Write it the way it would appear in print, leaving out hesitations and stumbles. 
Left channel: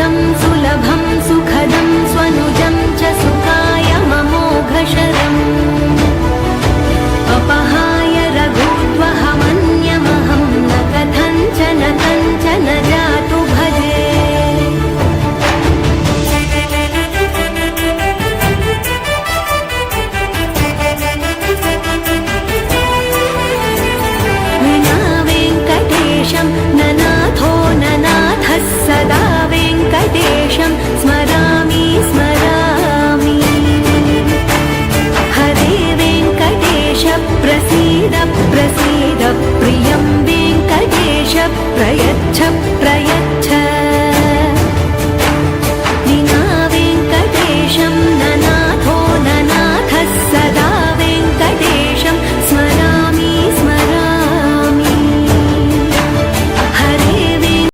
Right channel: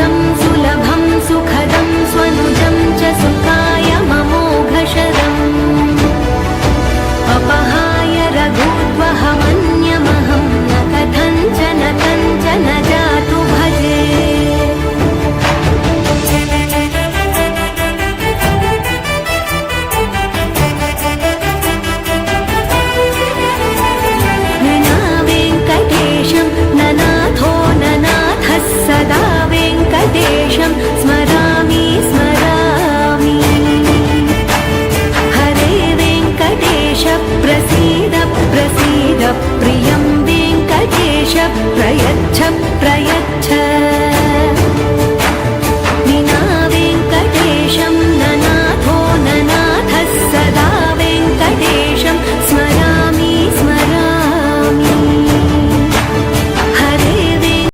सुदं सुलभं सुखदं स्वनुजं च सुखायममोघशरम् अपहाय रघुद्वहमन्यमहं न कथञ्चन कञ्चन जातु भजे। विना वेङ्कटेशं ननाथो ननाथः सदा वेङ्कटेशं स्मरामि स्मरामि। हरे वेङ्कटेश प्रसीद प्रसीद प्रियं वेङ्कटेश प्रयच्छ प्रयच्छ। विना वेङ्कटेशं ननाथो ननाथः सदा वेङ्कटेशं स्मरामि स्मरामि।